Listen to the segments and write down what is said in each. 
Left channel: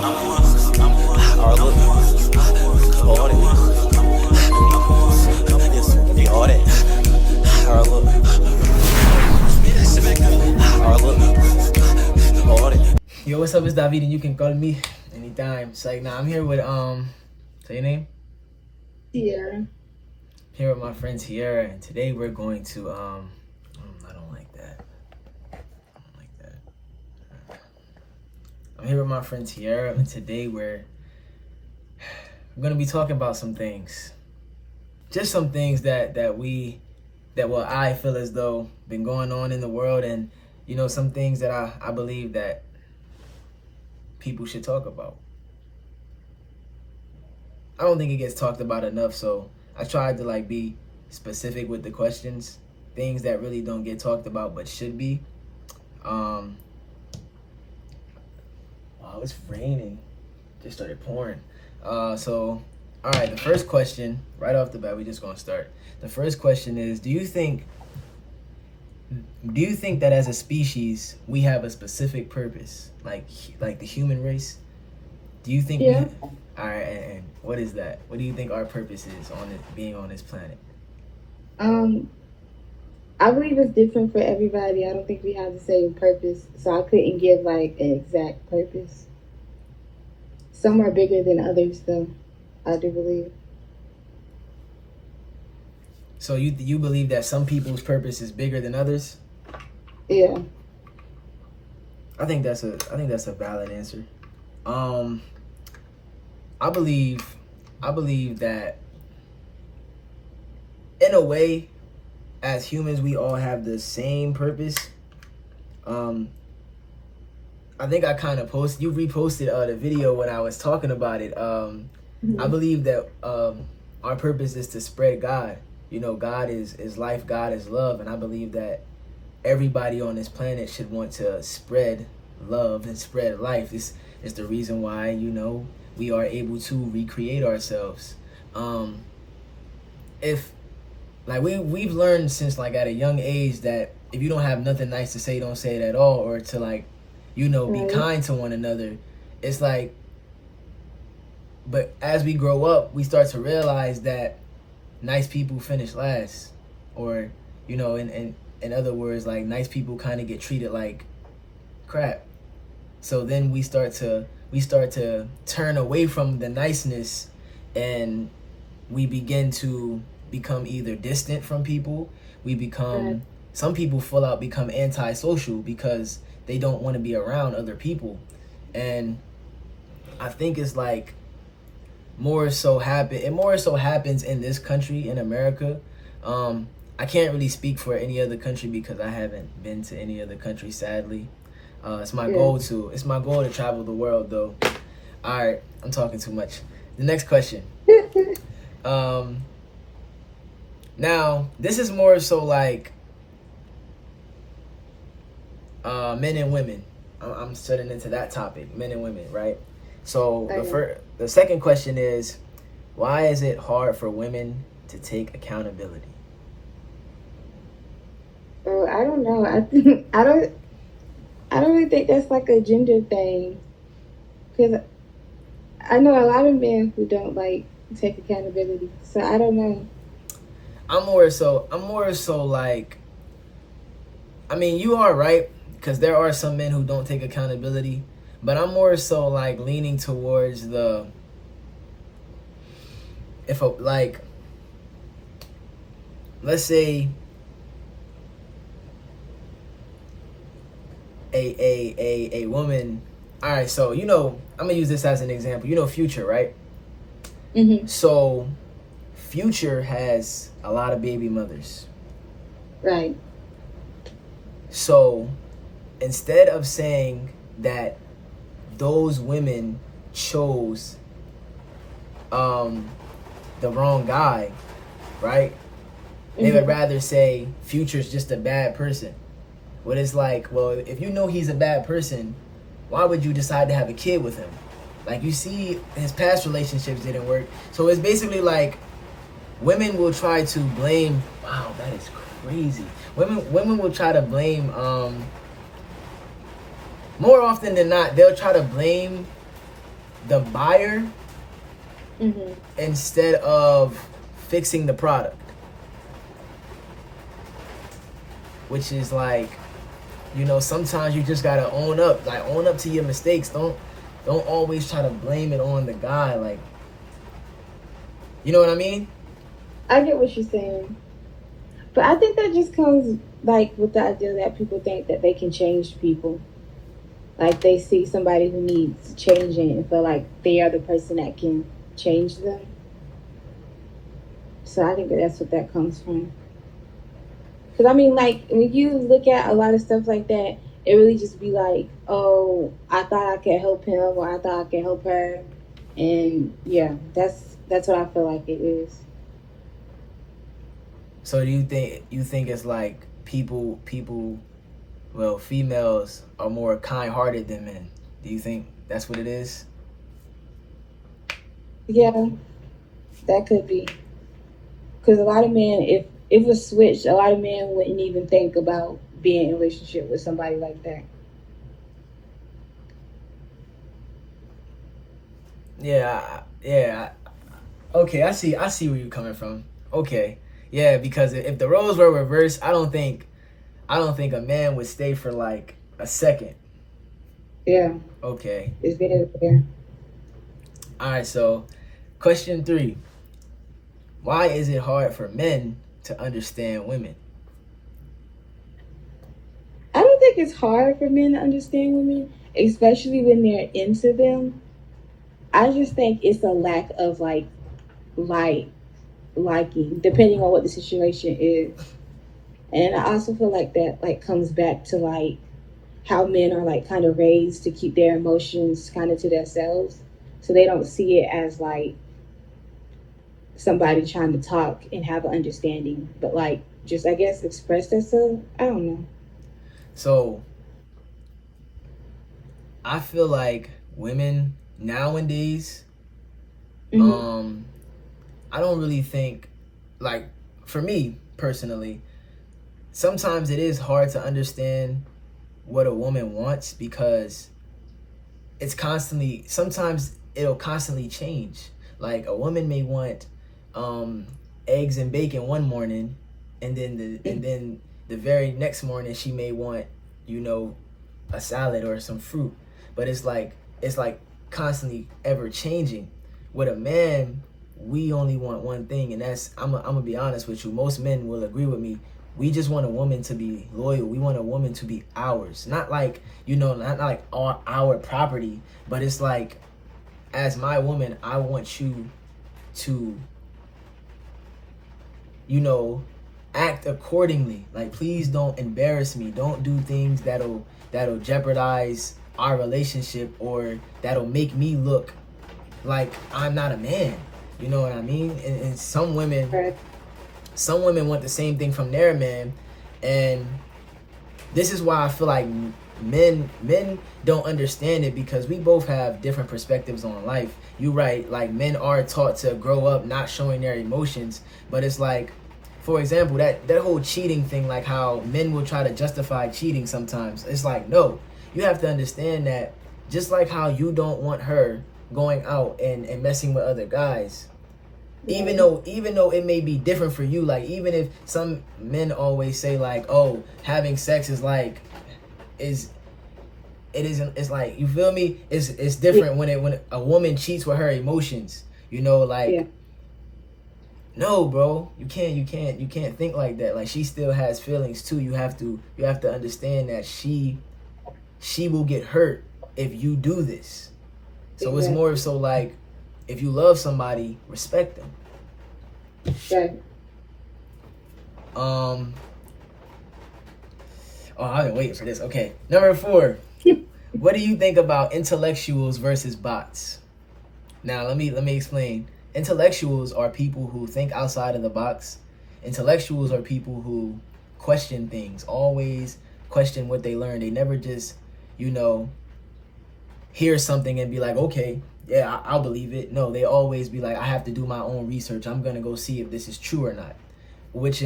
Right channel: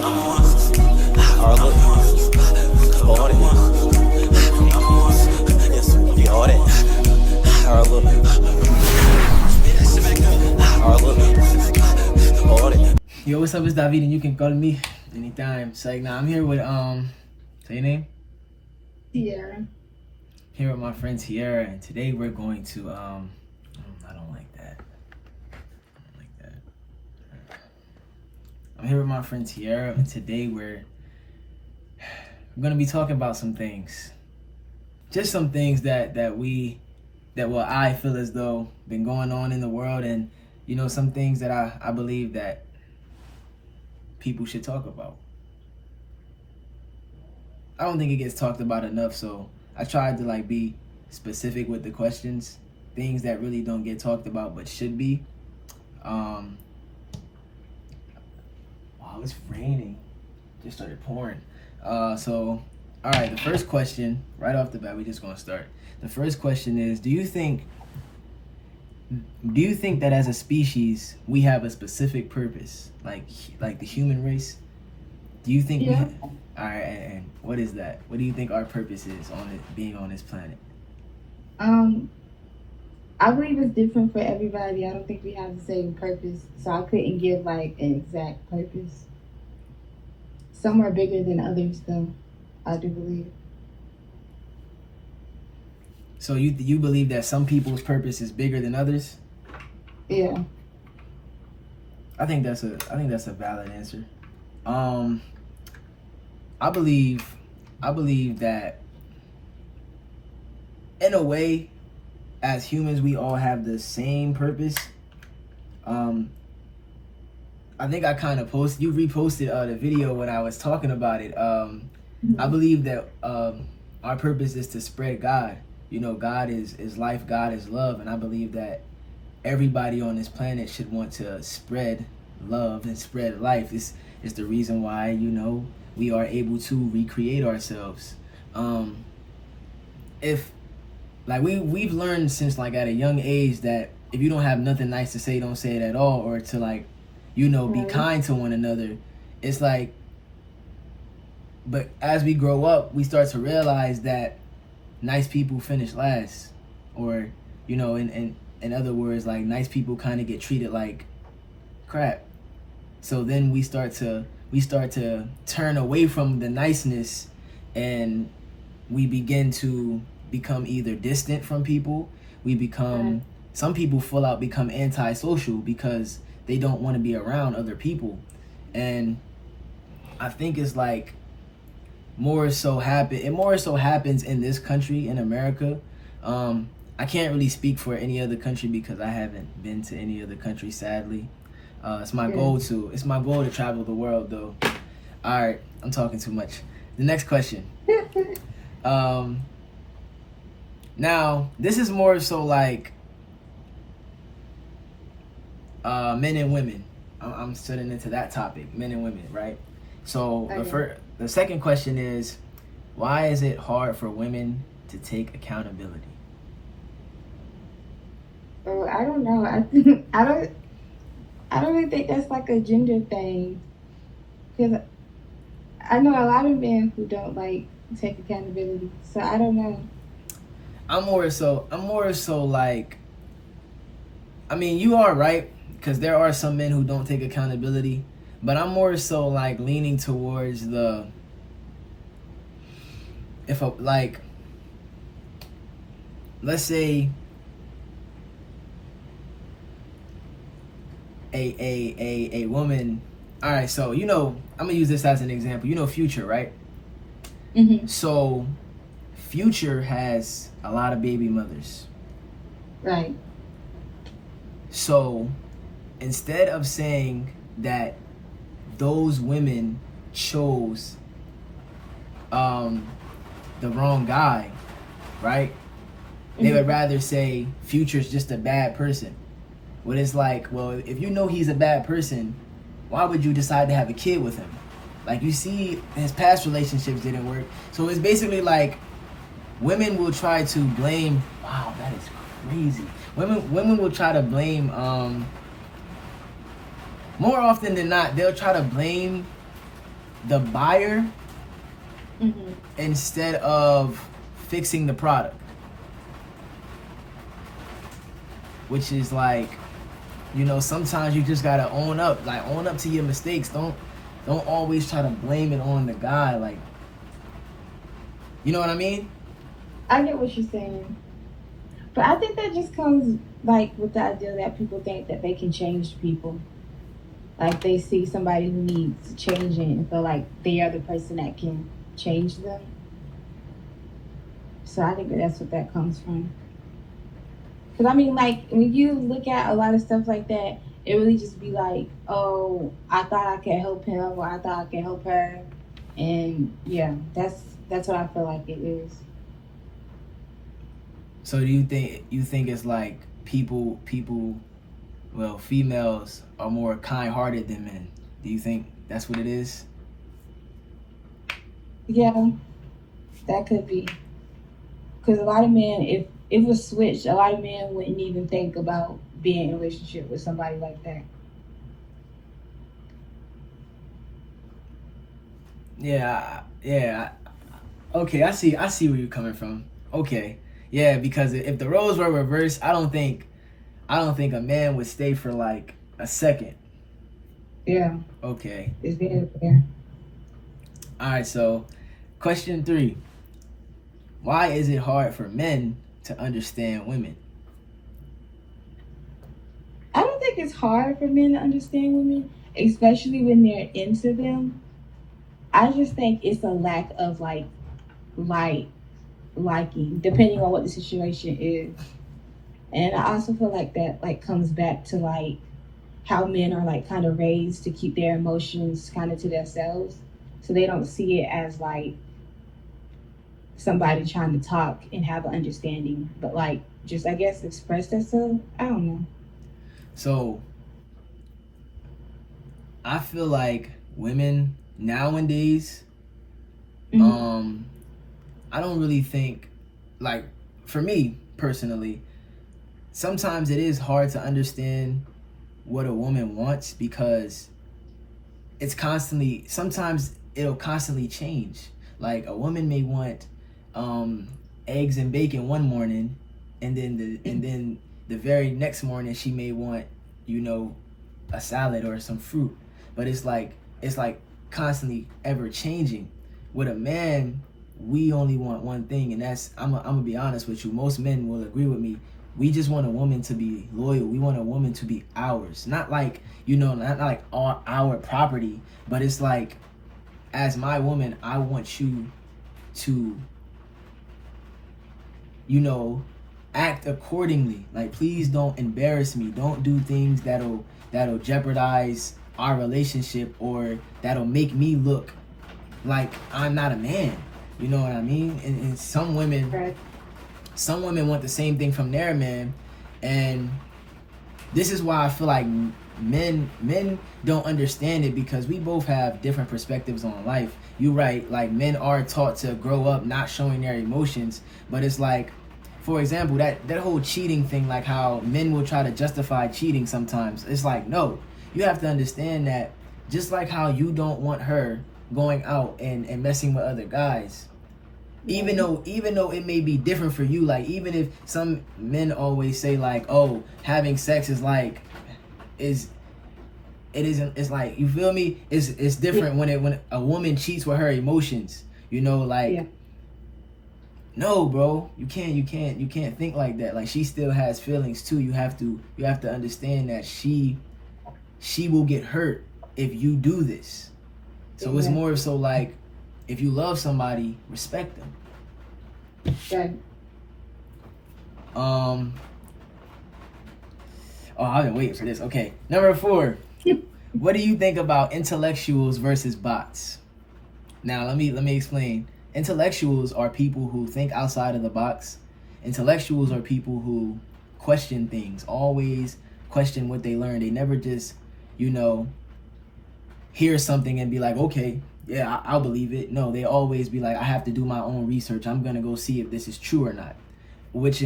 Our look, all that. Yes, yeah, all that. Our look, all that. Yo, what's up? It's David, and you can call me anytime. It's like, I'm here with say your name. Sierra. Here with my friend Sierra, and today we're going to I don't like that. I'm here with my friend Sierra, and today we're gonna be talking about some things. Just some things that I feel as though been going on in the world, and some things that I believe that people should talk about. I don't think it gets talked about enough, so I tried to be specific with the questions, things that really don't get talked about but should be. Wow, it's raining. Just started pouring. So all right, the first question, right off the bat, we're just gonna start. The first question is, do you think that as a species we have a specific purpose, like the human race? Do you think Yeah. All right, and what is that? What do you think our purpose is being on this planet? I believe it's different for everybody. I don't think we have the same purpose, so I couldn't give an exact purpose. Some are bigger than others, though. I do believe. So you believe that some people's purpose is bigger than others? Yeah. I think that's a valid answer. I believe that in a way, as humans, we all have the same purpose. I think I kind of you reposted the video when I was talking about it. I believe that our purpose is to spread God. God is life, God is love, and I believe that everybody on this planet should want to spread love and spread life. This is the reason why we are able to recreate ourselves. If we've learned since at a young age that if you don't have nothing nice to say, don't say it at all, or to be kind to one another. It's but as we grow up, we start to realize that nice people finish last, or in other words, nice people kind of get treated like crap. So then we start to turn away from the niceness, and we begin to become either distant from people. Some people full out become antisocial because they don't want to be around other people. And I think it's more so happens in this country, in America. I can't really speak for any other country because I haven't been to any other country, sadly. It's my goal to travel the world, though. All right, I'm talking too much. The next question. Now this is more so men and women. I'm setting into that topic, men and women, right? So the second question is, why is it hard for women to take accountability? Oh, I don't know. I don't really think that's a gender thing, because I know a lot of men who don't take accountability. So I don't know. I'm more so you are right, because there are some men who don't take accountability, but I'm more so leaning towards let's say a woman. All right, so I'm gonna use this as an example. Future, right? Mm-hmm. So Future has a lot of baby mothers, right? So instead of saying that those women chose the wrong guy, right? They would rather say Future's just a bad person. But it's well, if you know he's a bad person, why would you decide to have a kid with him? You see, his past relationships didn't work. So it's basically women will try to blame. Wow, that is crazy. Women will try to blame. More often than not, they'll try to blame the buyer Mm-hmm. instead of fixing the product, which is like, you know, sometimes you just gotta own up, like own up to your mistakes. Don't always try to blame it on the guy, like, you know what I mean? I get what you're saying, but I think that just comes like with the idea that people think that they can change people. Like they see somebody who needs changing and feel like they are the person that can change them. So I think that that's what that comes from. Because I mean, like when you look at a lot of stuff like that, it really just be like, oh, I thought I could help him, or I thought I could help her, and yeah, that's what I feel like it is. So do you think it's like well, females are more kind-hearted than men? Do you think that's what it is? Yeah, that could be. Because a lot of men, if it was switched, a lot of men wouldn't even think about being in a relationship with somebody like that. Yeah. Okay, I see where you're coming from. Okay. Yeah, because if the roles were reversed, I don't think a man would stay for like a second. Yeah, Okay. it's very fair. All right, so question 3. Why is it hard for men to understand women? I don't think it's hard for men to understand women, especially when they're into them. I just think it's a lack of like liking, depending on what the situation is. And I also feel like that like comes back to like how men are like kind of raised to keep their emotions kind of to themselves, so they don't see it as like somebody trying to talk and have an understanding, but like just I guess express themselves. I don't know. So I feel like women nowadays, Mm-hmm. I don't really think, like, for me personally, sometimes it is hard to understand what a woman wants because sometimes it'll constantly change. Like a woman may want eggs and bacon one morning, and then the very next morning she may want, you know, a salad or some fruit. But it's like constantly ever changing. With a man, we only want one thing, and that's I'm gonna be honest with you. Most men will agree with me. We just want a woman to be loyal. We want a woman to be ours. Not like, you know, not like our property, but it's like, as my woman, I want you to, you know, act accordingly. Like, please don't embarrass me. Don't do things that'll jeopardize our relationship, or that'll make me look like I'm not a man. You know what I mean? And Right. some women want the same thing from their man, and this is why I feel like men don't understand it, because we both have different perspectives on life. You right, like men are taught to grow up not showing their emotions, but it's like, for example, that whole cheating thing, like how men will try to justify cheating sometimes. It's like, no, you have to understand that just like how you don't want her going out and messing with other guys, even though it may be different for you, like even if some men always say like, oh, having sex is like, is it isn't, it's like, you feel me, it's different when a woman cheats with her emotions, you know, like, Yeah. no, bro, you can't think like that. Like, she still has feelings too. You have to understand that she will get hurt if you do this. So it's more so like, if you love somebody, respect them. Right. Oh, I've been waiting for this. Okay, number 4. What do you think about intellectuals versus bots? Now, let me explain. Intellectuals are people who think outside of the box. Intellectuals are people who question things, always question what they learn. They never just, you know, hear something and be like, okay, yeah, I'll believe it. No, they always be like, I have to do my own research. I'm gonna go see if this is true or not. Which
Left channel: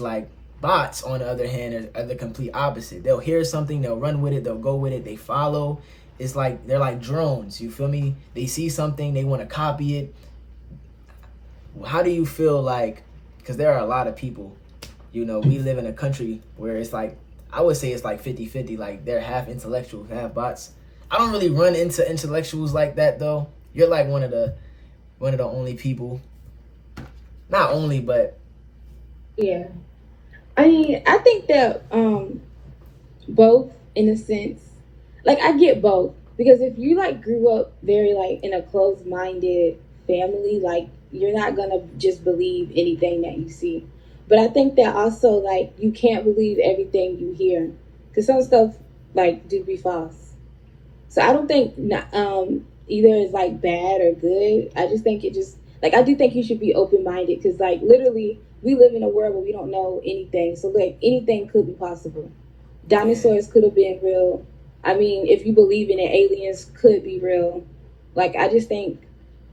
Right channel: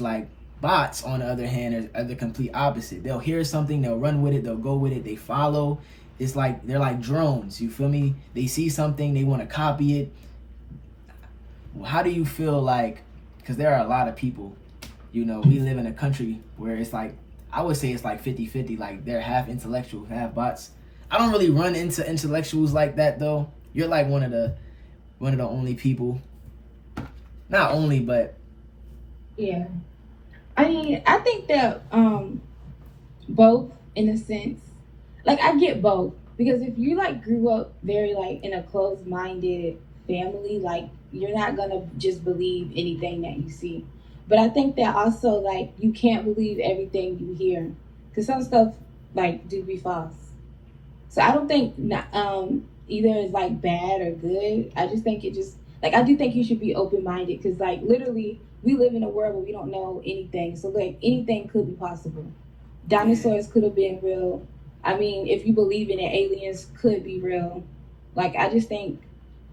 like bots, on the other hand, are the complete opposite. They'll hear something, they'll run with it, they'll go with it, they follow, it's like they're like drones. You feel me? They see something, they want to copy it. How do you feel like? Because there are a lot of people. You know, we live in a country where it's like, I would say it's like 50-50. Like they're half intellectuals, half bots. I don't really run into intellectuals like that though. You're like one of the only people. Not only, but Yeah. I mean, I think that both in a sense. Like I get both because if you like grew up very like in a closed-minded family, like you're not gonna just believe anything that you see. But I think that also like you can't believe everything you hear because some stuff like do be false. So I don't think either is like bad or good. I just think it just like I do think you should be open minded because like literally we live in a world where we don't know anything. So like anything could be possible. yeah. Dinosaurs could have been real. I mean, if you believe in it, aliens could be real. Like I just think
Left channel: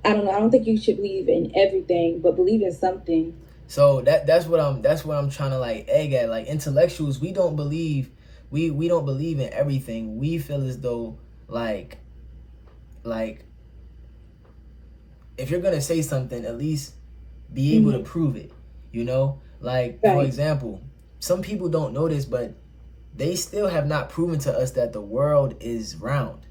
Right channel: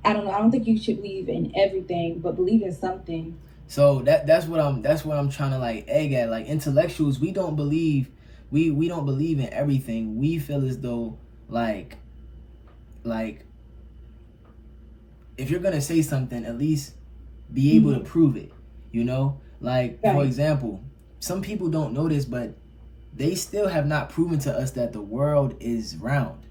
I don't know. I don't think you should believe in everything, but believe in something. So that's what I'm trying to like egg at. Like intellectuals, we don't believe in everything. We feel as though like like if you're gonna say something, at least be able to Mm-hmm. prove it. You know, like for Right. example, some people don't know this, but they still have not proven to us that the world is round.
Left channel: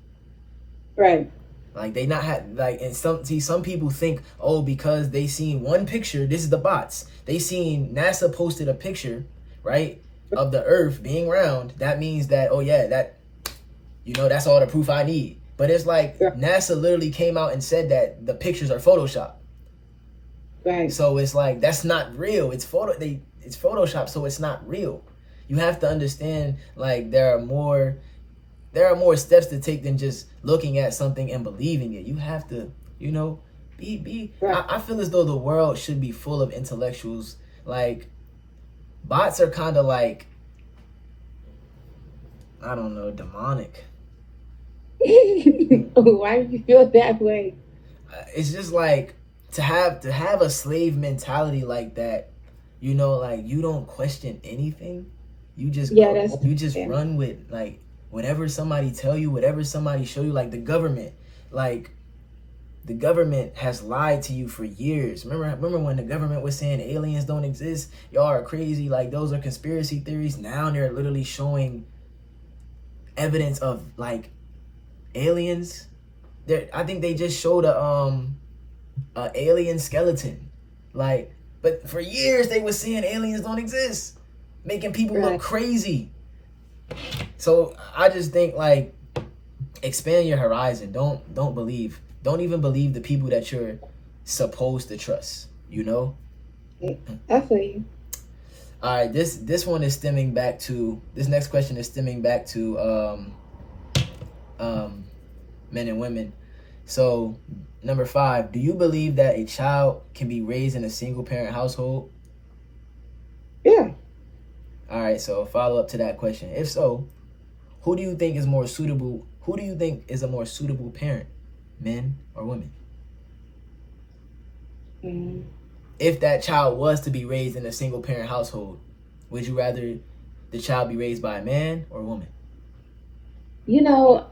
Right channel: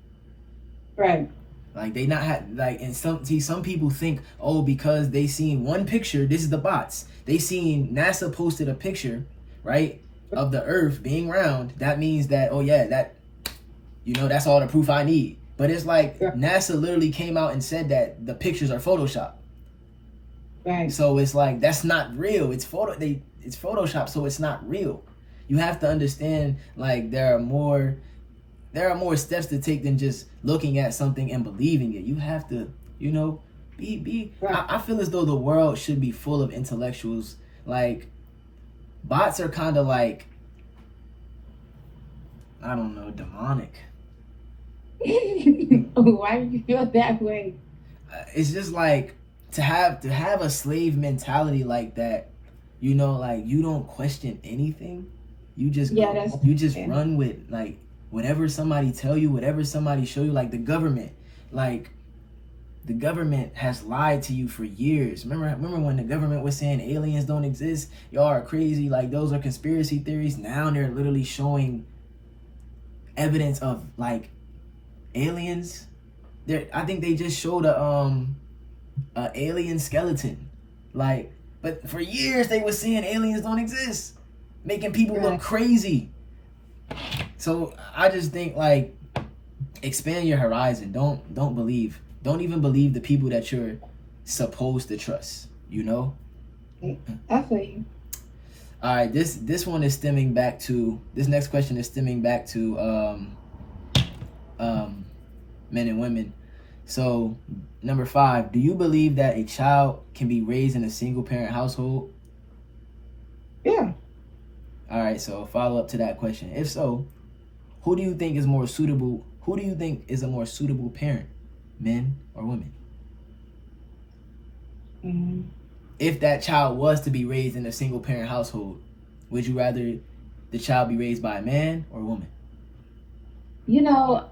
Right. Like they not have like and some people think, oh, because they seen one picture, this is the bots. They seen NASA posted a picture, right, of the Earth being round. That means that, oh yeah, that, you know, that's all the proof I need. But it's like Right. NASA literally came out and said that the pictures are Photoshop. Right. So it's like that's not real. It's Photoshop, so it's not real. You have to understand like there are more steps to take than just looking at something and believing it. You have to, you know, be Right. I feel as though the world should be full of intellectuals. Like bots are kind of like, I don't know, demonic. Why do you feel that way? It's just like to have a slave mentality like that, you know, like you don't question anything. You just Yeah, go, that's you just yeah. run with like whatever somebody tell you, whatever somebody show you. Like the government, like the government has lied to you for years. Remember when the government was saying aliens don't exist? Y'all are crazy. Like those are conspiracy theories. Now they're literally showing evidence of like aliens. I think they just showed a alien skeleton. Like, but for years they were saying aliens don't exist, making people look Right. crazy. So I just think like expand your horizon. Don't believe. Don't even believe the people that you're supposed to trust. You know. I feel you. All right. This one is stemming back to this next question is stemming back to um men and women. So number 5, do you believe that a child can be raised in a single parent household? Yeah. All right. So follow up to that question. If so, who do you think is more suitable? Who do you think is a more suitable parent, men or women? Mm. If that child was to be raised in a single parent household, would you rather the child be raised by a man or a woman? You know,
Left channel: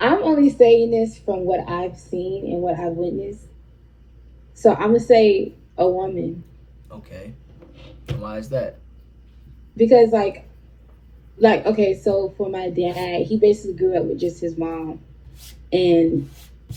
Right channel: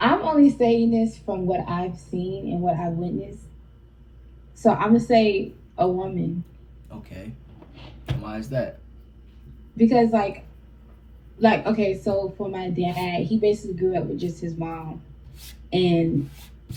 I'm only saying this from what I've seen and what I've witnessed. So I'm gonna say a woman Okay. Why is that? because like okay, so for my dad, he basically grew up with just his mom, and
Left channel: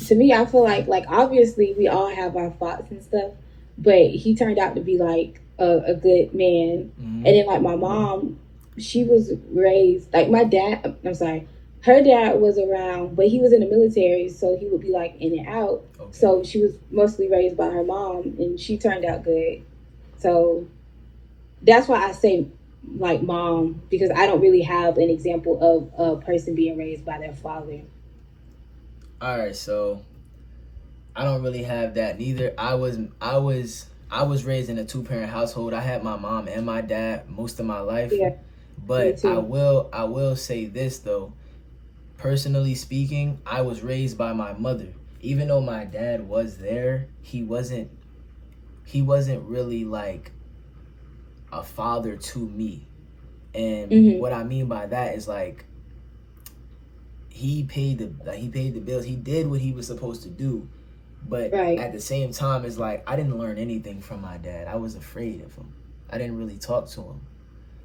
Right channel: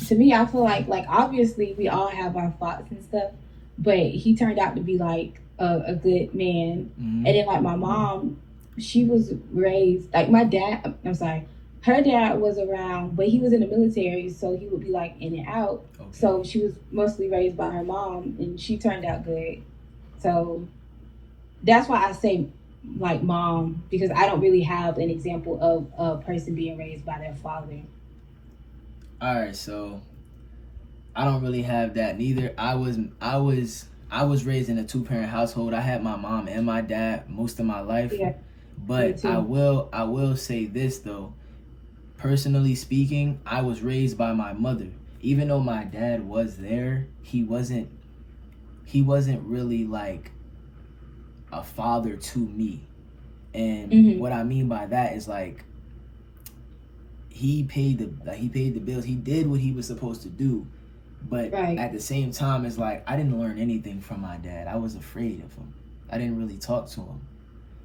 to me, I feel like obviously we all have our faults and stuff, but he turned out to be like a good man. And Mm-hmm. then like my mom, she was raised like my dad. I'm sorry, her dad was around, but he was in the military, so he would be like in and out. So Okay. she was mostly raised by her mom, and she turned out good. So that's why I say like mom because I don't really have an example of a person being raised by their father. All right. So I don't really have that neither. I was raised in a two-parent household. I had my mom and my dad most of my life. Yeah, me But I too. will I will say this though. Personally speaking, I was raised by my mother. Even though my dad was there, he wasn't really like a father to me. And Hmm. what I mean by that is like he paid the bills. He did what he was supposed to do. But at the same time, it's like I didn't learn anything from my dad. I was afraid of him. I didn't really talk to him.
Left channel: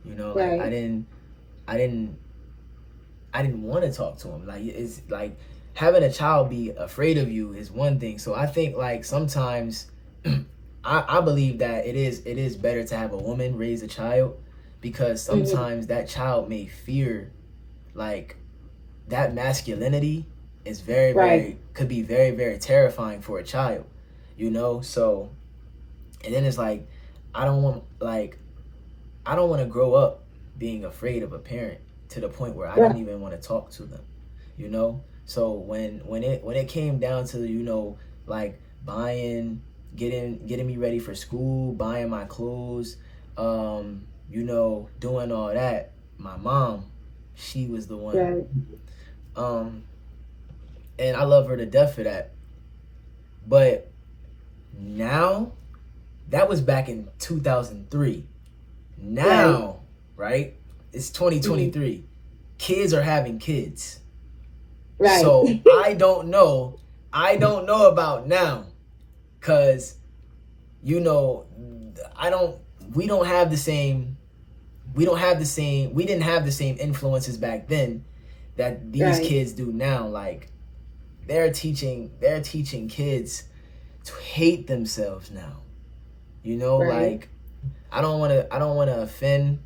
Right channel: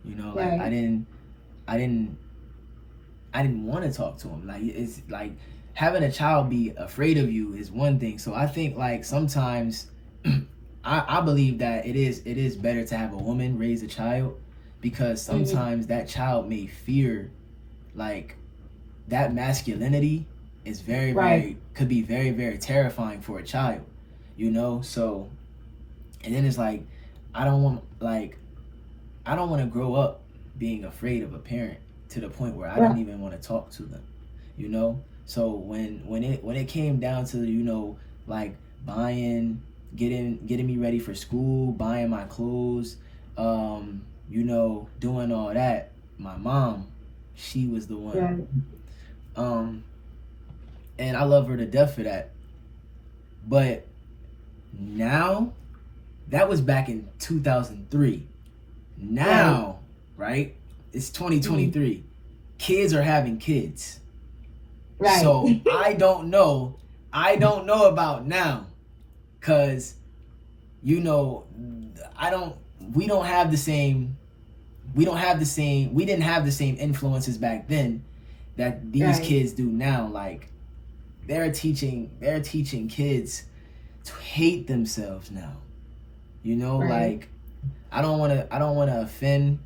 You know, like I didn't want to talk to him. Like it's like having a child be afraid of you is one thing. So I think like sometimes I believe that it is better to have a woman raise a child, because sometimes that child may fear, like, that masculinity is very could be very, very terrifying for a child, you know. So, and then it's like I don't want to grow up being afraid of a parent to the point where I don't even want to talk to them, you know. So when it came down to, you know, like getting me ready for school, buying my clothes, you know, doing all that, my mom, she was the one. And I love her to death for that. But now, that was back in 2003. Now, right? It's 2023. Kids are having kids. So I don't know about now, cause, you know, we didn't have the same influences back then that these kids do now. Like they're teaching kids to hate themselves now. You know, like I don't want to offend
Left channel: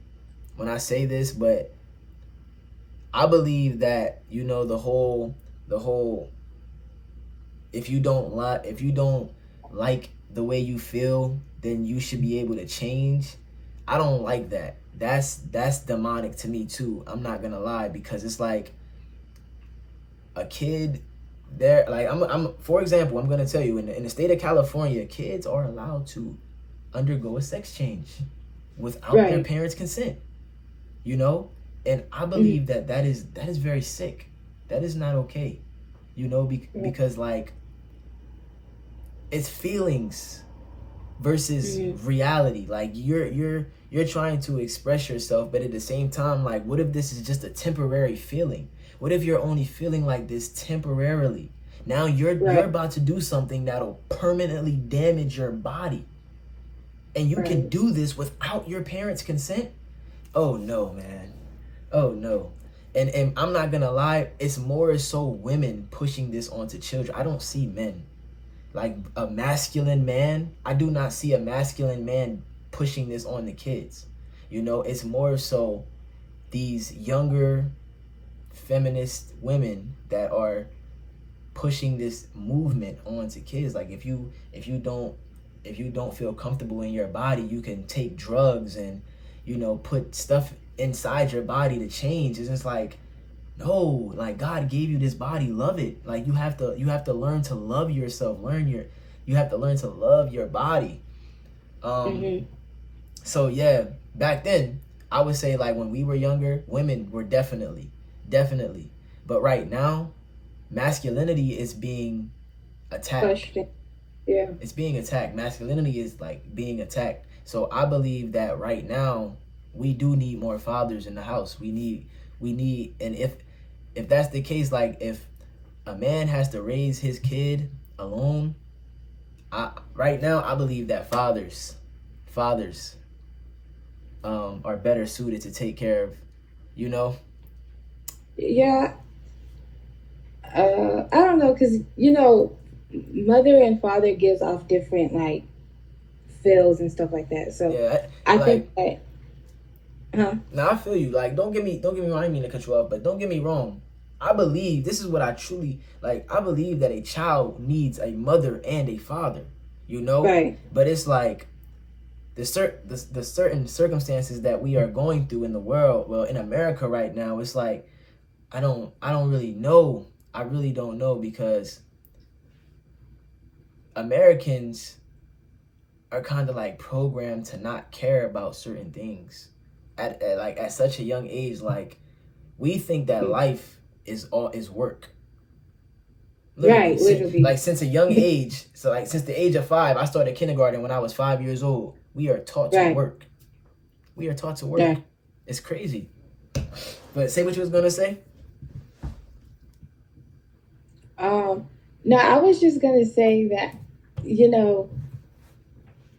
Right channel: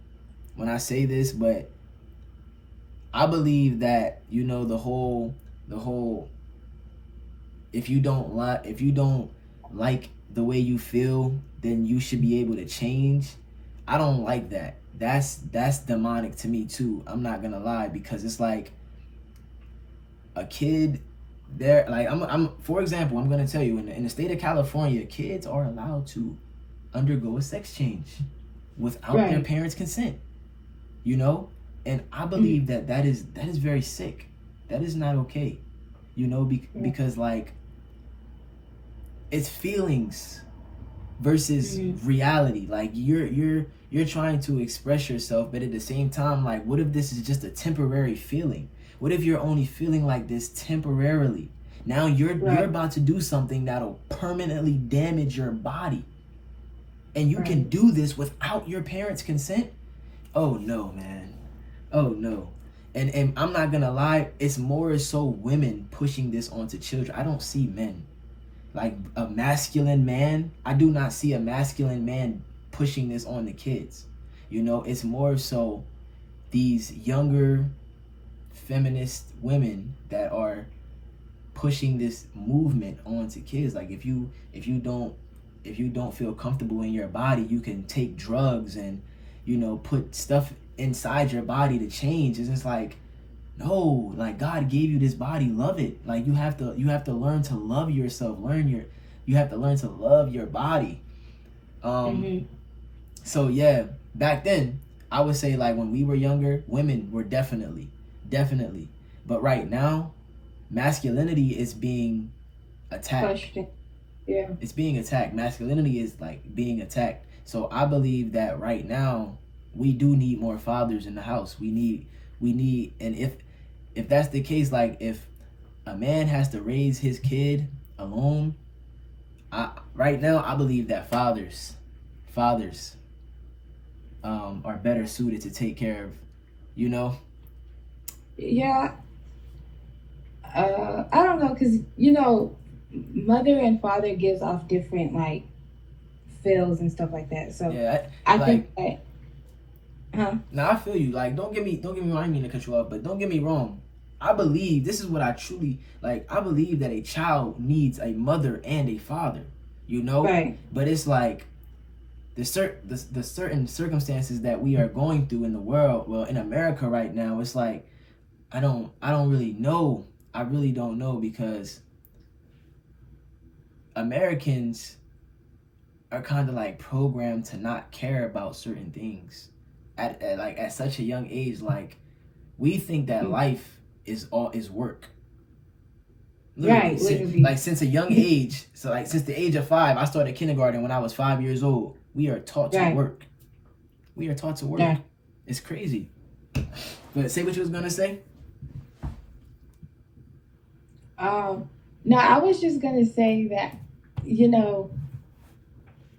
when I say this, but I believe that, you know, the whole if you don't like the way you feel, then you should be able to change. I don't like that. That's demonic to me too. I'm not gonna lie, because it's like a kid there, like I'm for example, I'm gonna tell you, in the state of California, kids are allowed to undergo a sex change without their parents' consent, you know. And I believe that is very sick. That is not okay, you know, because like it's feelings versus reality. Like you're trying to express yourself, but at the same time, like, what if this is just a temporary feeling? What if you're only feeling like this temporarily? Now you're about to do something that'll permanently damage your body, and you can do this without your parents' consent? Oh no, man. Oh no. And I'm not gonna lie, it's more so women pushing this onto children. I don't see men. Like a masculine man, I do not see a masculine man pushing this on the kids. You know, it's more so these younger feminist women that are pushing this movement onto kids. Like if you don't feel comfortable in your body, you can take drugs and, you know, put stuff inside your body to change. It's just like, no, like God gave you this body, love it. Like you have to learn to love yourself. You have to learn to love your body. So yeah, back then I would say, like, when we were younger, women were definitely. But right now, masculinity is being attacked. Yeah. It's being attacked. Masculinity is like being attacked. So I believe that right now we do need more fathers in the house. We need, and if that's the case, like if a man has to raise his kid alone, right now I believe that fathers are better suited to take care of, you know. Yeah. I don't know, because, you know, mother and father gives off different, like, feels and stuff like that. So yeah, I think that. Now I feel you. Like, don't get me wrong. I didn't mean to cut you off, but don't get me wrong. I believe, this is what I truly like. I believe that a child needs a mother and a father. You know, But it's like the certain circumstances that we are going through in the world. Well, in America right now, it's like I don't really know. I really don't know, because Americans are kind of like programmed to not care about certain things at such a young age. Like, we think that life is work. Literally. Like since a young age, so like since the age of 5, I started kindergarten when I was 5 years old. We are taught to work. We are taught to work. It's crazy. But say what you was gonna say. No, I was just gonna say that, you know,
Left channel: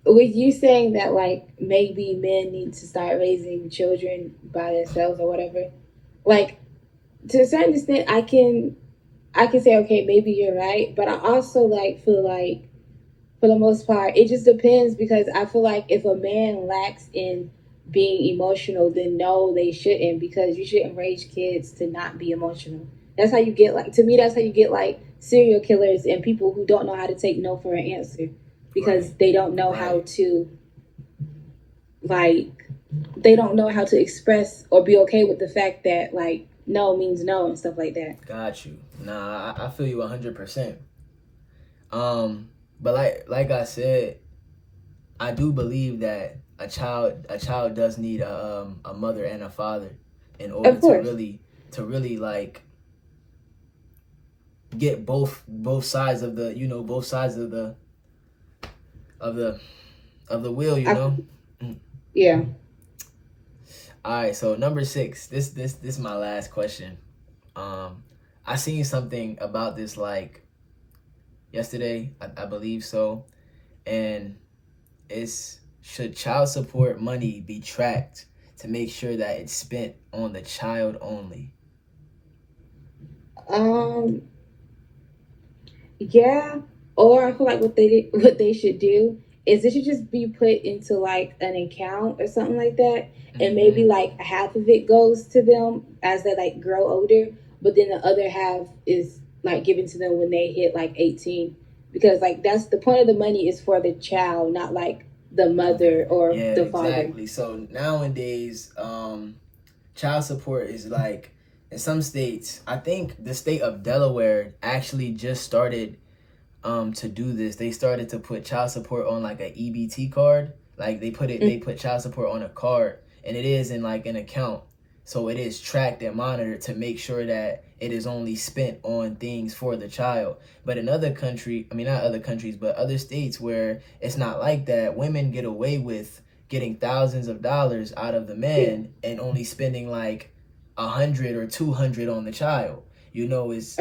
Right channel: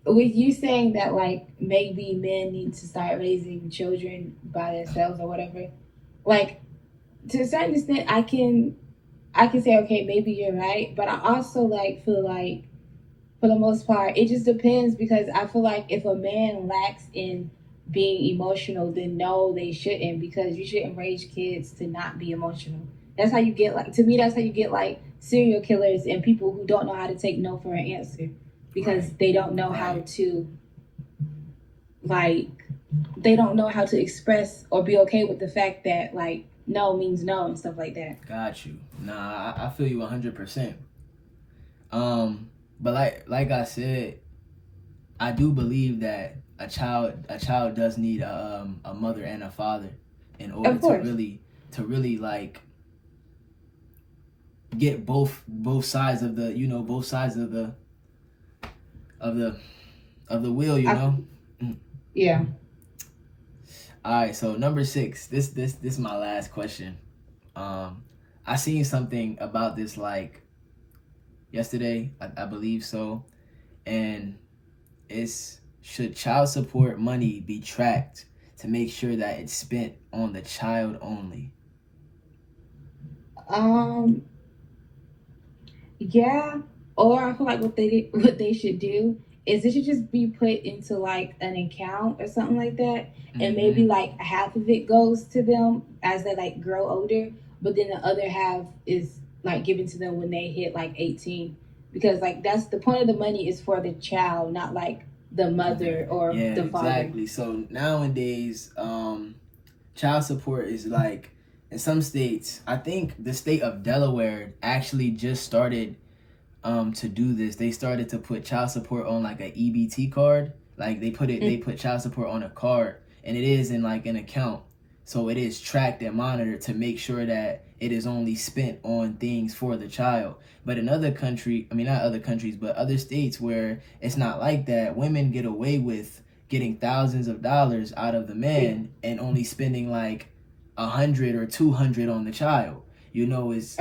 with you saying that like maybe men need to start raising children by themselves or whatever, like to a certain extent I can say okay, maybe you're right, but I also like feel like for the most part it just depends because I feel like if a man lacks in being emotional, then no, they shouldn't because you shouldn't raise kids to not be emotional. That's how you get like to me that's how you get like serial killers and people who don't know how to take no for an answer because Right. they don't know how Right. to like they don't know how to express or be okay with the fact that like no means no and stuff like that. Got you. Nah, I feel you 100%. But like I said, I do believe that a child does need a mother and a father in order Of course. to really like get both sides of the both sides of the of the wheel, you I, know. yeah. All right, so number 6. This is my last question. I seen something about this like yesterday, I believe so, and it's should child support money be tracked to make sure that it's spent on the child only? Um Yeah, or I feel like what they should do is it should just be put into like an account or something like that, and maybe Mm-hmm. like half of it goes to them as they like grow older, but then the other half is like given to them when they hit like 18, because like that's the point of the money is for the child, not like the mother or Yeah, the father. exactly. So nowadays, child support is like in some states. I think the state of Delaware actually just started to do this. They started to put child support on like a EBT card. Like they put child support on a card, and it is in like an account. So it is tracked and monitored to make sure that it is only spent on things for the child. But in other country, I mean not other countries, but other states where it's not like that, women get away with getting thousands of dollars out of the Yeah. man and only spending like 100 or 200 on the child. You know, is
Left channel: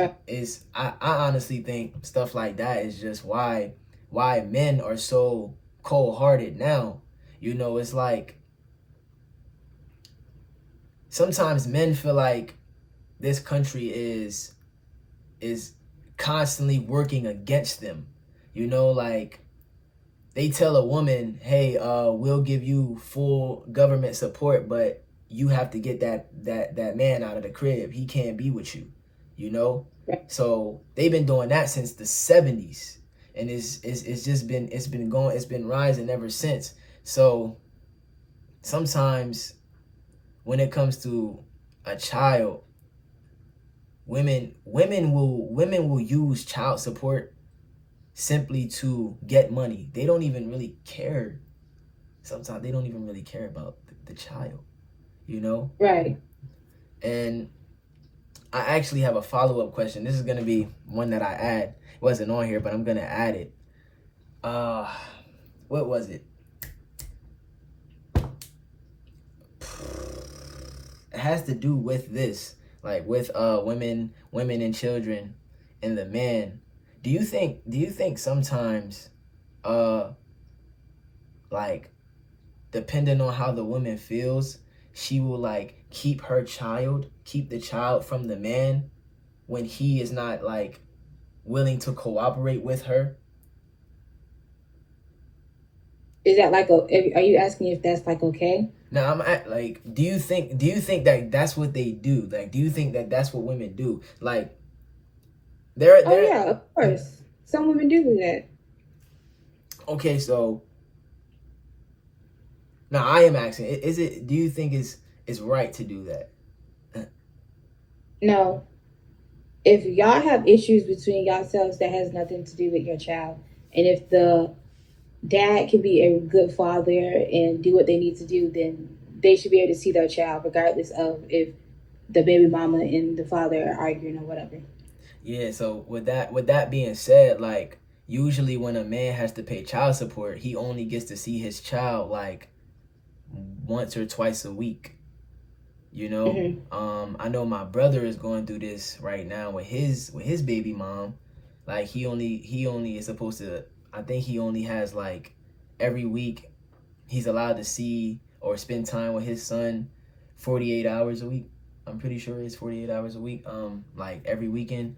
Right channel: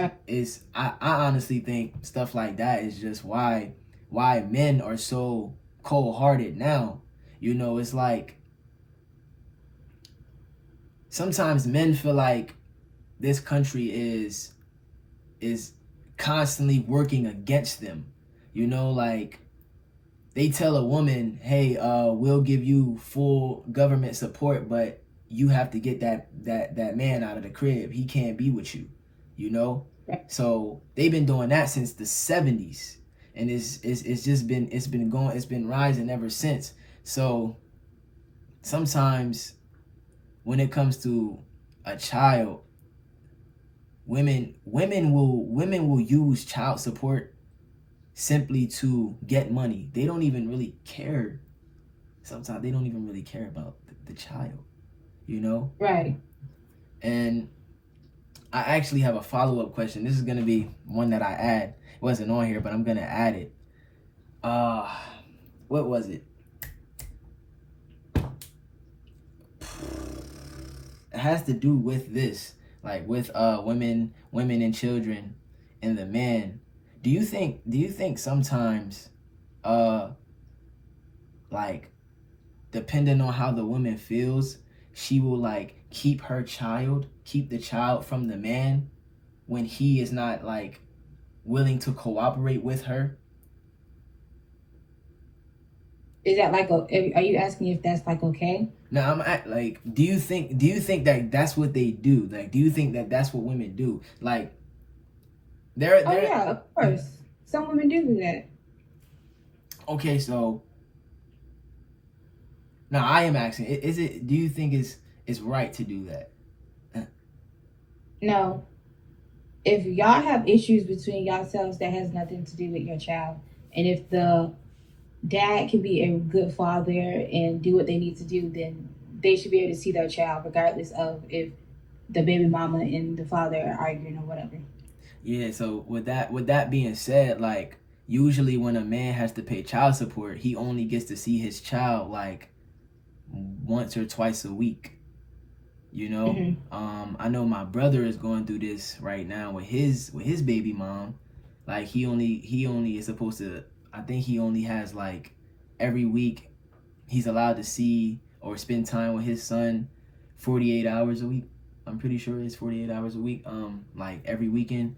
I honestly think stuff like that is just why men are so cold hearted now. You know, it's like sometimes men feel like this country is constantly working against them. You know, like they tell a woman, "Hey, we'll give you full government support, but you have to get that man out of the crib. He can't be with you." You know, so they've been doing that since the 70s, and it's just been it's been rising ever since. So sometimes when it comes to a child, women will use child support simply to get money. They don't even really care. Sometimes they don't even really care about the child, you know? Right. And I actually have a follow-up question. This is going to be one that I add. It wasn't on here, but I'm going to add it. Uh what was it? It has to do with this, like with women and children and the man. Do you think sometimes uh like depending on how the woman feels, she will like keep the child from the man when he is not like willing to cooperate with her? Is that like are you asking if that's like okay? Now I'm at like, do you think that that's what they do? Like, do you think that that's what women do? Like, Oh they're yeah, of course. Some women do that. okay. So now I am asking, is it? Do you think is right to do that? No, if y'all have issues between yourselves, that has nothing to do with your child. And if the dad can be a good father and do what they need to do, then they should be able to see their child, regardless of if the baby mama and the father are arguing or whatever. Yeah. So with that being said, like usually when a man has to pay child support, he only gets to see his child like once or twice a week. You know, I know my brother is going through this right now with his baby mom. Like he only is supposed to. I think he only has like every week he's allowed to see or spend time with his son 48 hours a week. I'm pretty sure it's 48 hours a week. Like every weekend,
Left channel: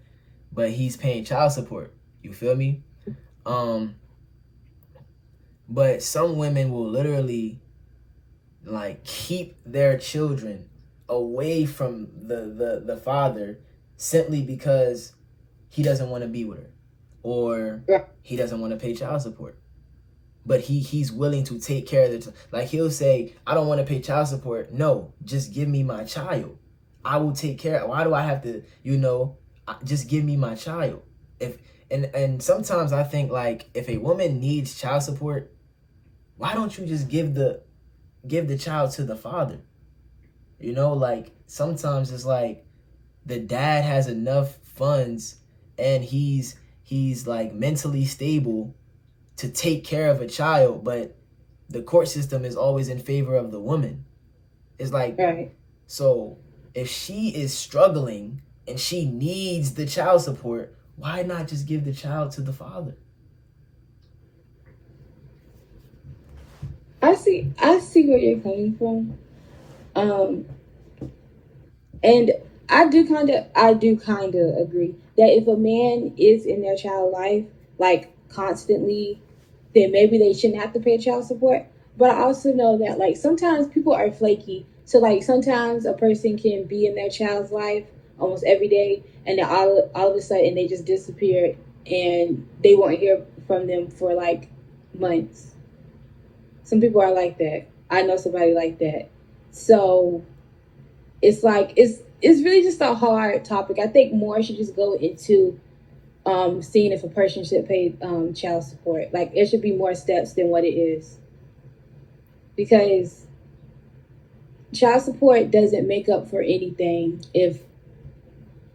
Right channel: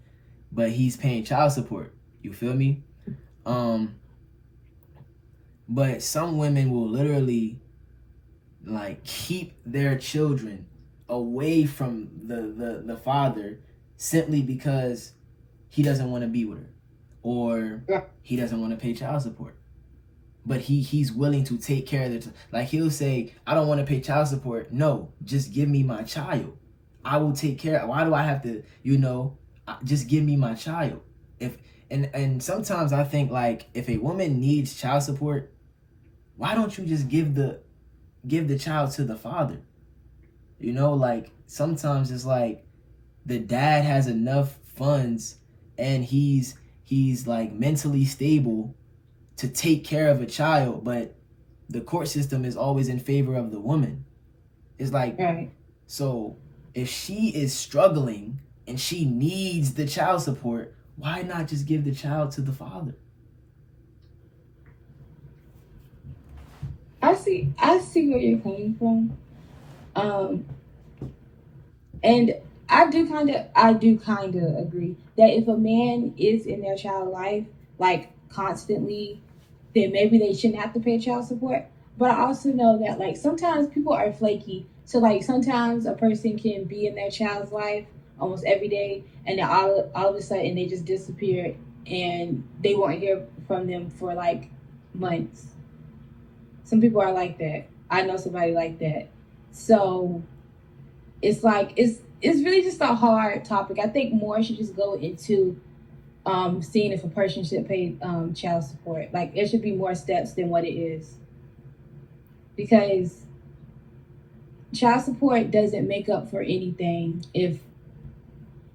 but he's paying child support. You feel me? But some women will literally like keep their children away from the father simply because he doesn't want to be with her or he doesn't want to pay child support, but he's willing to take care of the like he'll say, I don't want to pay child support. No, just give me my child, I will take care. Why do I have to, just give me my child? If and sometimes I think like if a woman needs child support, why don't you just give the child to the father? Like sometimes it's like the dad has enough funds and he's like mentally stable to take care of a child, but the court system is always in favor of the woman. It's like, right. So if she is struggling and she needs the child support, why not just give the child to the father? I see where you're coming from. And I do kind of agree that if a man is in their child life like constantly, then maybe they shouldn't have to pay child support. But I also know that like sometimes people are flaky. So like sometimes a person can be in their child's life almost every day, and then all of a sudden they just disappear, and they won't hear from them for like months. Some people are like that. I know somebody like that. So it's like it's really just a hard topic. I think more should just go into seeing if a person should pay child support. Like it should be more steps than what it is, because child support doesn't make up for anything if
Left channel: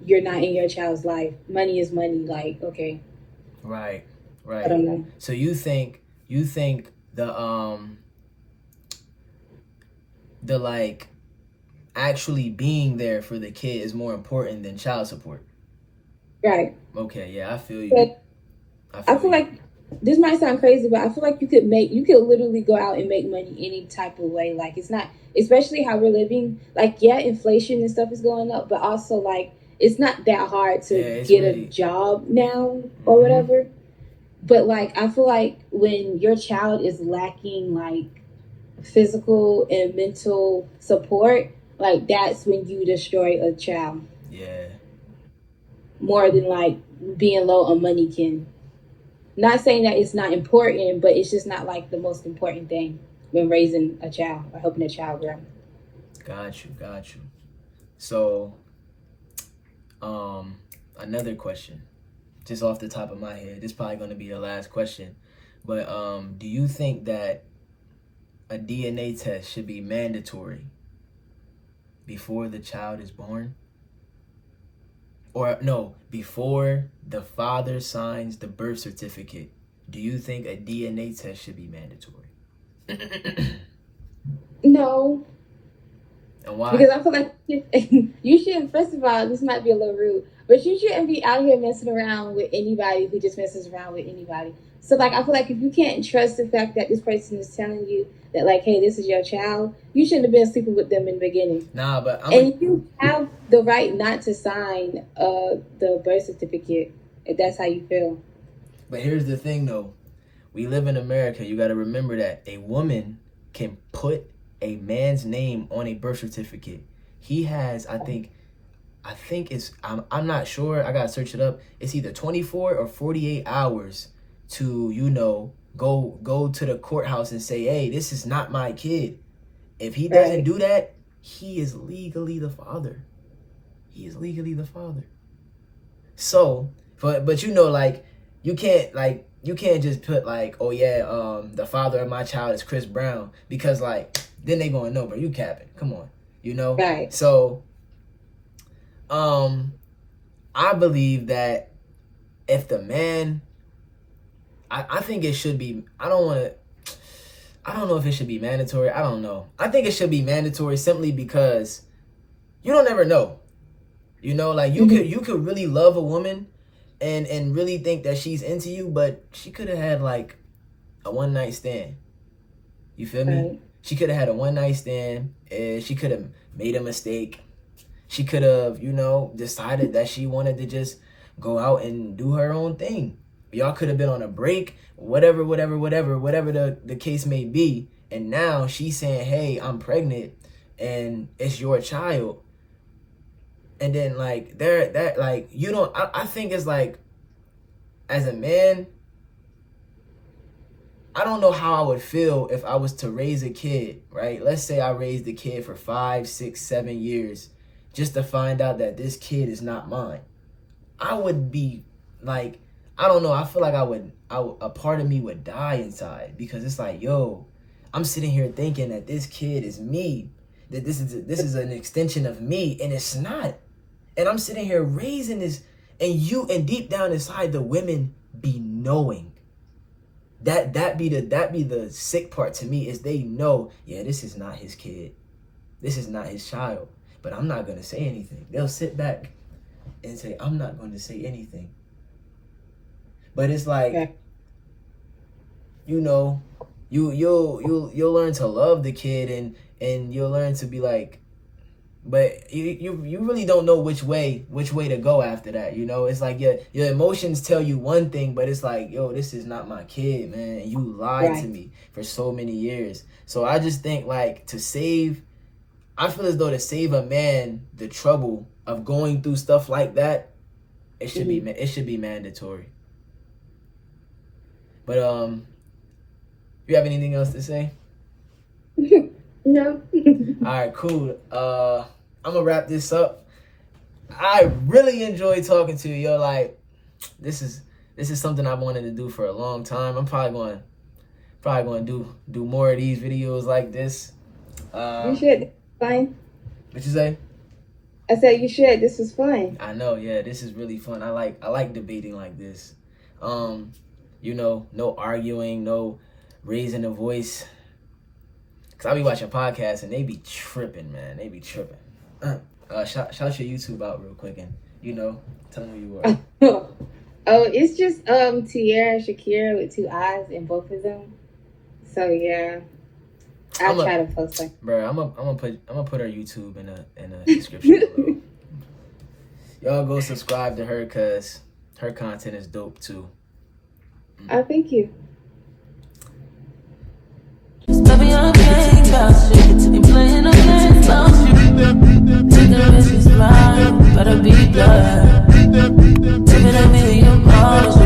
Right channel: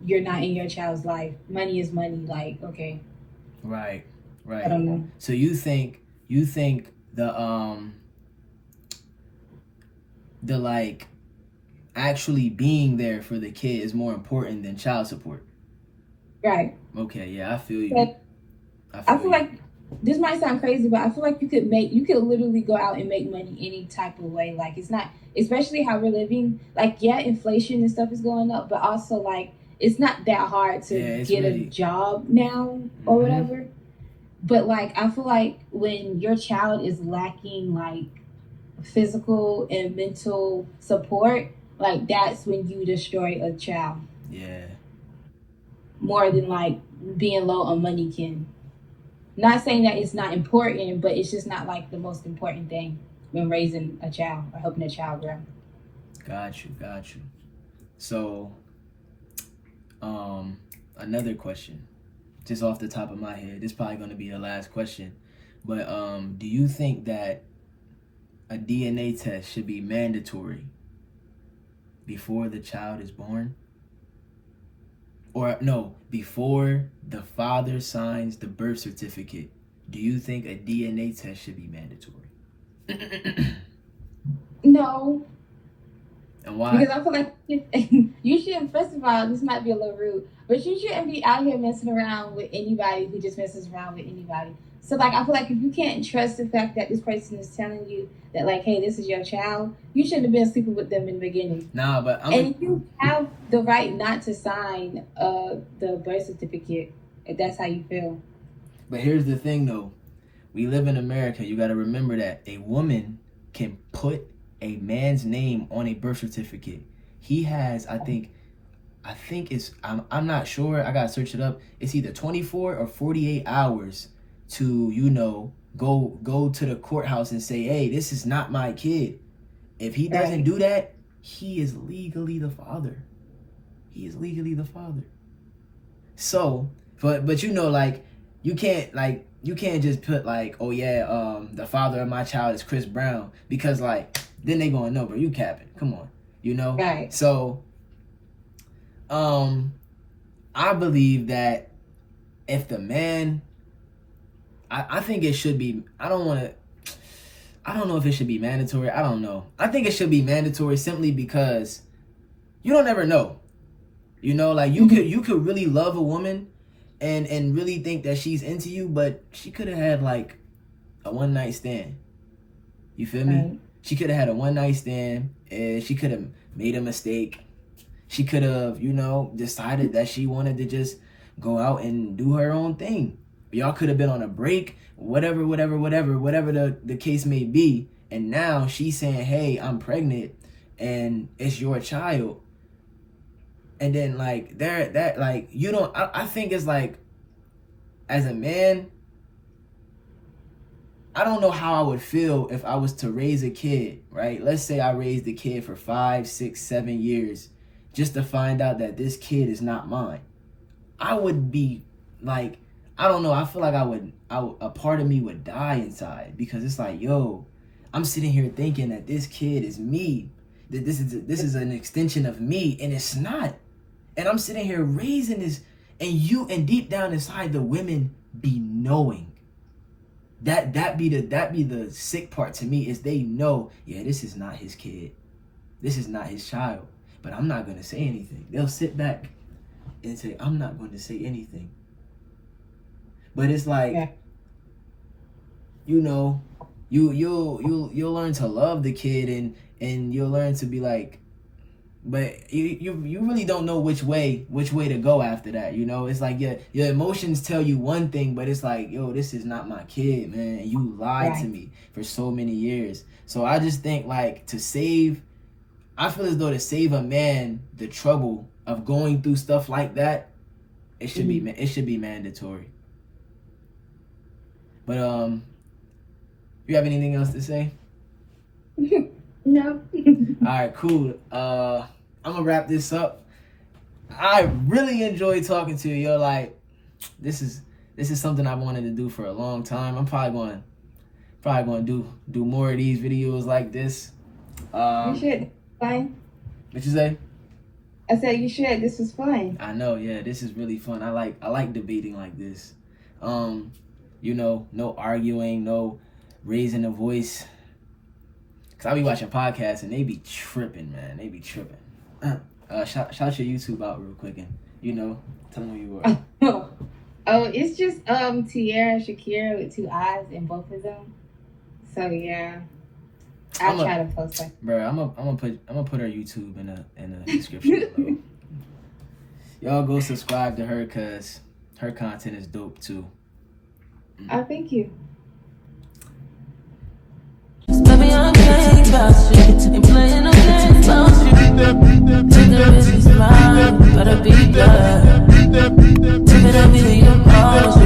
you're not in your child's life. Money is money. Like okay, right. I don't know. So you think the like actually being there for the kid is more important than child support? Right. Okay, yeah, I feel you. But I feel like this might sound crazy, but I feel like you could literally go out and make money any type of way. Like it's not, especially how we're living. Like yeah, inflation and stuff is going up, but also like it's not that hard to get a job now or whatever. But like I feel like when your child is lacking like physical and mental support, like that's when you destroy a child. Yeah. More than like being low on money can. Not saying that it's not important, but it's just not like the most important thing when raising a child or helping a child grow. Got you. So, another question, just off the top of my head. This is probably going to be the last question, but do you think that a DNA test should be mandatory before the child is born? Or no, before the father signs the birth certificate, do you think a DNA test should be mandatory? No. And why? Because I feel like you shouldn't, first of all, this might be a little rude, but you shouldn't be out here messing around with anybody who just messes around with anybody. So like I feel like if you can't trust the fact that this person is telling you that like, hey, this is your child, you shouldn't have been sleeping with them in the beginning. Nah, but you have the right not to sign the birth certificate if that's how you feel. But here's the thing though. We live in America. You got to remember that a woman can put a man's name on a birth certificate. He has, I think it's, I'm not sure. I got to search it up. It's either 24 or 48 hours to, go to the courthouse and say, hey, this is not my kid. If he doesn't do that, he is legally the father. So, but like, you can't just put like, oh yeah, the father of my child is Chris Brown, because like, then they going, no, bro, you capping. Come on, Right. So, I believe that if the man, I think it should be, I don't know if it should be mandatory. I don't know. I think it should be mandatory simply because you don't ever know. You know, like you could really love a woman and really think that she's into you, but she could have had like a one night stand. You feel me? Right. She could have had a one night stand and she could have made a mistake. She could have, you know, decided that she wanted to just go out and do her own thing. Y'all could have been on a break, whatever the case may be. And now she's saying, hey, I'm pregnant and it's your child. And then like I think it's like, as a man, I don't know how I would feel if I was to raise a kid, right? Let's say I raised a kid for 5, 6, 7 years just to find out that this kid is not mine. I would be like, I don't know. I feel like a part of me would die inside, because it's like, yo, I'm sitting here thinking that this kid is me, that this is an extension of me, and it's not. And I'm sitting here raising this, and deep down inside, the women be knowing. That be the sick part to me, is they know, yeah, this is not his kid. This is not his child. But I'm not gonna say anything. They'll sit back and say, I'm not going to say anything. But it's like, Yeah. you know, you'll learn to love the kid, and you'll learn to be like, but you really don't know which way to go after that. You know, it's like your emotions tell you one thing, but it's like, yo, this is not my kid, man. And you lied to me for so many years. So I just think, like, I feel as though to save a man the trouble of going through stuff like that, it should be mandatory. But you have anything else to say? No. All right, cool. I'm gonna wrap this up. I really enjoyed talking to you. Yo, like, this is something I've wanted to do for a long time. I'm probably going to do more of these videos like this. You should. Fine. What you say? I said you should. This was fun. I know, yeah, this is really fun. I like debating like this. You know, no arguing, no raising the voice. Cause I be watching podcasts and they be tripping, man. They be tripping. Shout your YouTube out real quick, and you know, tell them who you are. Oh, it's just Tierra Shakira with 2 eyes in both of them. So yeah, I'll try to post that. Bro, I'm gonna put her YouTube in a description below. Y'all go subscribe to her, cause her content is dope too. Oh, thank you. Baby, I'm playing about you. Ain't playing no games about you. Take the risk, it's mine. Better be blood. Take it a million miles.